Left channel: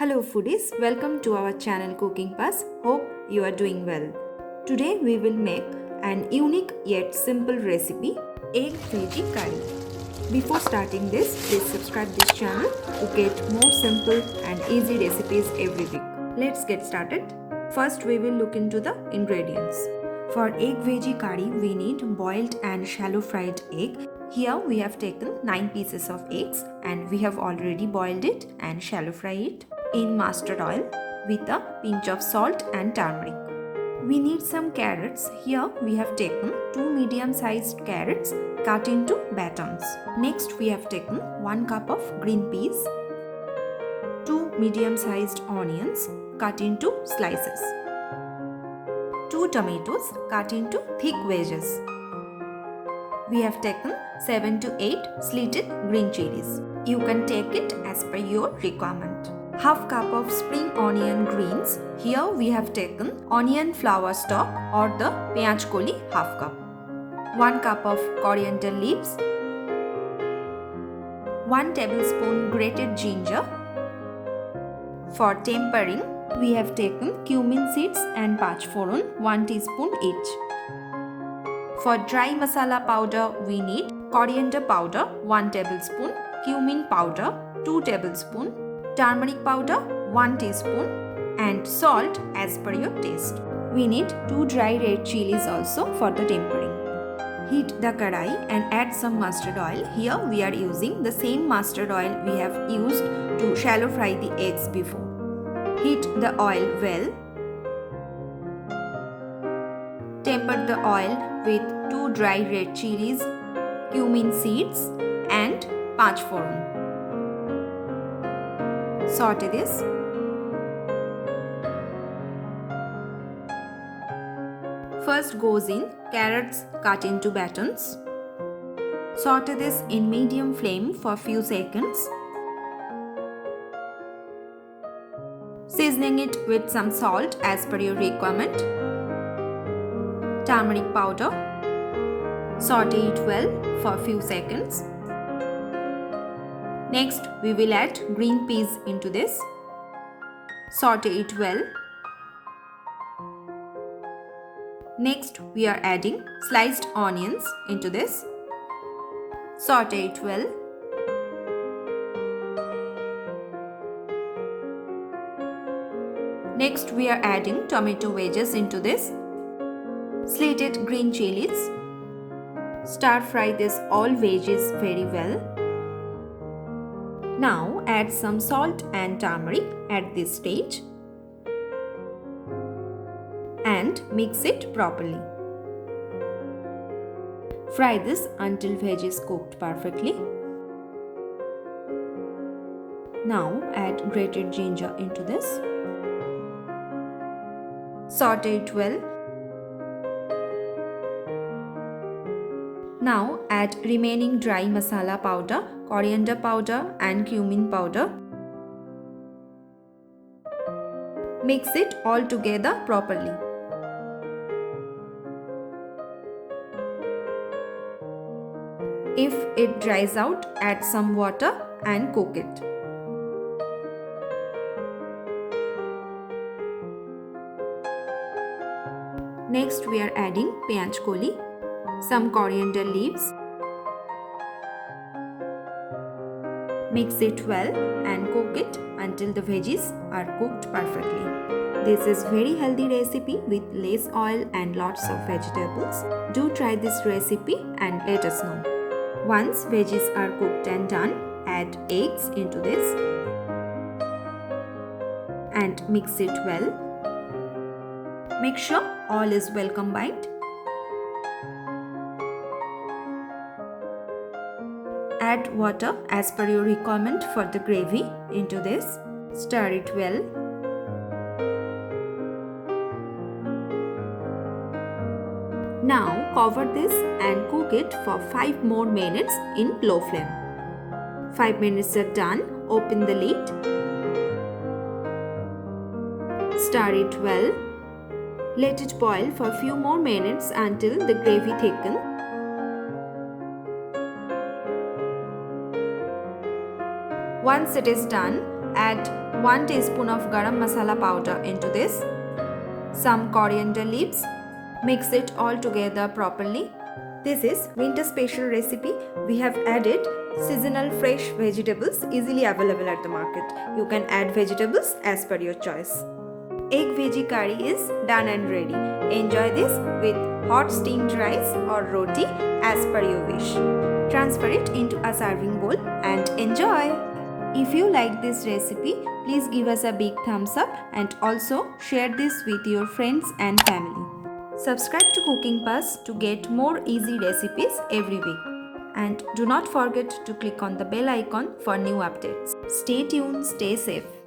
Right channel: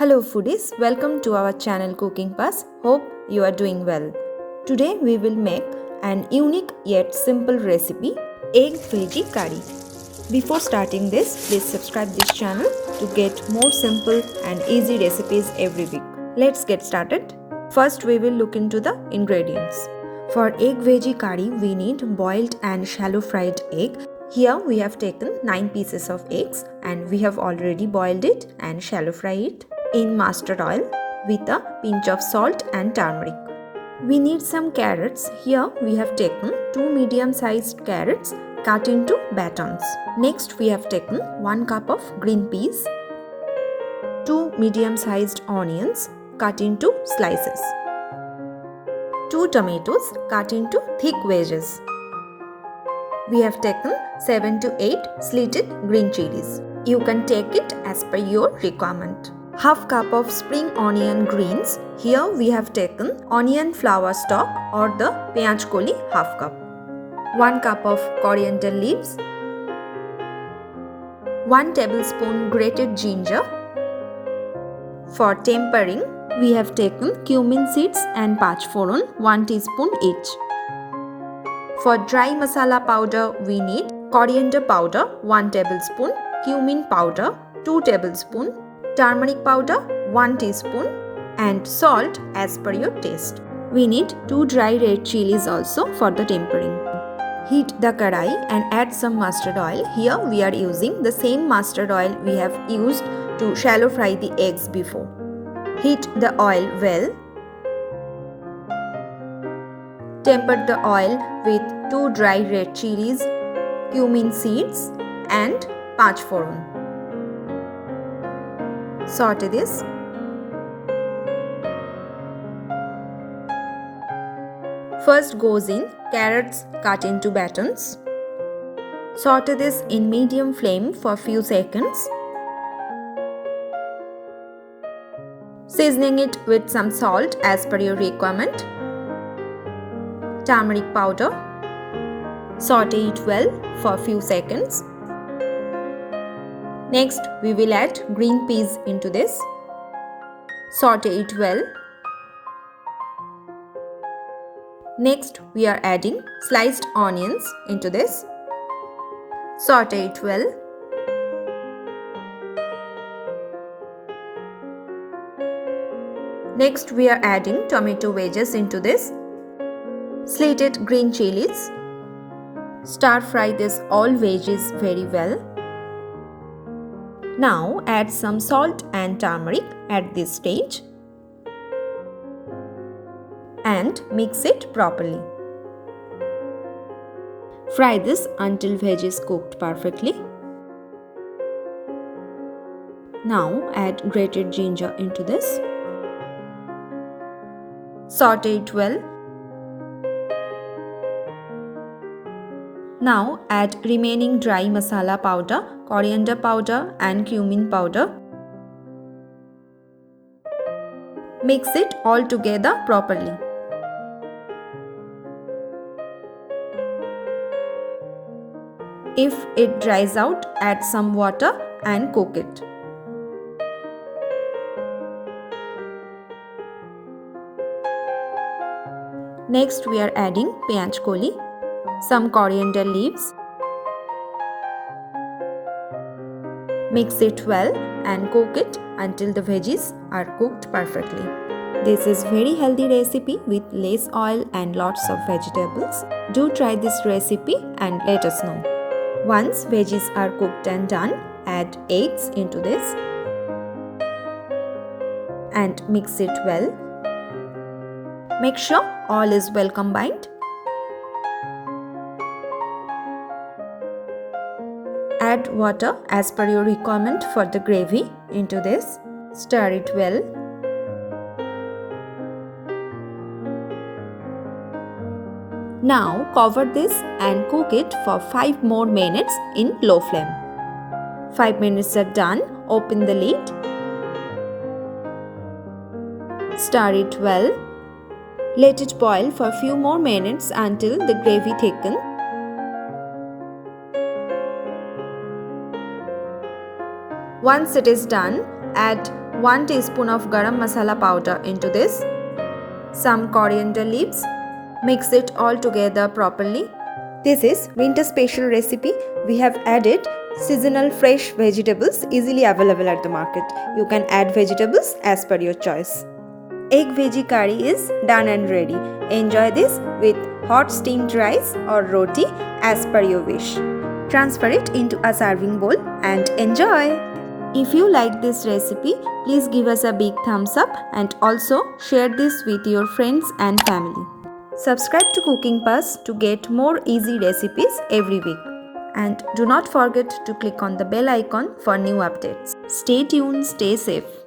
Hello foodies, welcome to our channel Cooking Pass. Hope you are doing well. Today we will make an unique yet simple recipe, egg veggie curry. Before starting this, please subscribe this channel to get more simple and easy recipes every week. Let's get started. First we will look into the ingredients. For egg veggie curry, we need boiled and shallow fried egg. Here we have taken 9 pieces of eggs and we have already boiled it and shallow fried it in mustard oil with a pinch of salt and turmeric. We need some carrots. Here we have taken 2 medium-sized carrots cut into batons. Next we have taken 1 cup of green peas, 2 medium-sized onions cut into slices, 2 tomatoes cut into thick wedges. We have taken 7 to 8 slitted green chilies. You can take it as per your requirement. Half cup of spring onion greens. Here we have taken onion flower stalk or the peyaj koli half cup. 1 cup of coriander leaves. 1 tablespoon grated ginger. For tempering, we have taken cumin seeds and pachforon 1 teaspoon each. For dry masala powder, we need coriander powder 1 tablespoon, cumin powder 2 tablespoon, turmeric powder 1 teaspoon and salt as per your taste. We need 2 dry red chilies also for the tempering. Heat the karai and add some mustard oil. Here we are using the same mustard oil we have used to shallow fry the eggs before. Heat the oil well. Temper the oil with 2 dry red chilies, cumin seeds and pachforon. Saute this. First goes in carrots cut into batons. Saute this in medium flame for few seconds. Seasoning it with some salt as per your requirement. Turmeric powder. Saute it well for few seconds. Next, we will add green peas into this. Saute it well. Next, we are adding sliced onions into this. Saute it well. Next, we are adding tomato wedges into this. Slitted green chilies. Stir fry this all veggies very well. Now add some salt and turmeric at this stage and mix it properly. Fry this until veg is cooked perfectly. Now add grated ginger into this. Saute it well. Now add remaining dry masala powder, coriander powder and cumin powder. Mix it all together properly. If it dries out, add some water and cook it. Next we are adding peyaj koli, some coriander leaves. Mix it well and cook it until the veggies are cooked perfectly. This is very healthy recipe with less oil and lots of vegetables. Do try this recipe and let us know. Once veggies are cooked and done, add eggs into this and mix it well. Make sure all is well combined. Add water as per your requirement for the gravy into this. Stir it well. Now cover this and cook it for 5 more minutes in low flame. 5 minutes are done. Open the lid. Stir it well. Let it boil for a few more minutes until the gravy thickens. Once it is done, add 1 teaspoon of garam masala powder into this, some coriander leaves. Mix it all together properly. This is winter special recipe. We have added seasonal fresh vegetables easily available at the market. You can add vegetables as per your choice. Egg veggie curry is done and ready. Enjoy this with hot steamed rice or roti as per your wish. Transfer it into a serving bowl and enjoy. If you like this recipe, please give us a big thumbs up and also share this with your friends and family. Subscribe to Cooking Pass to get more easy recipes every week. And do not forget to click on the bell icon for new updates. Stay tuned, stay safe.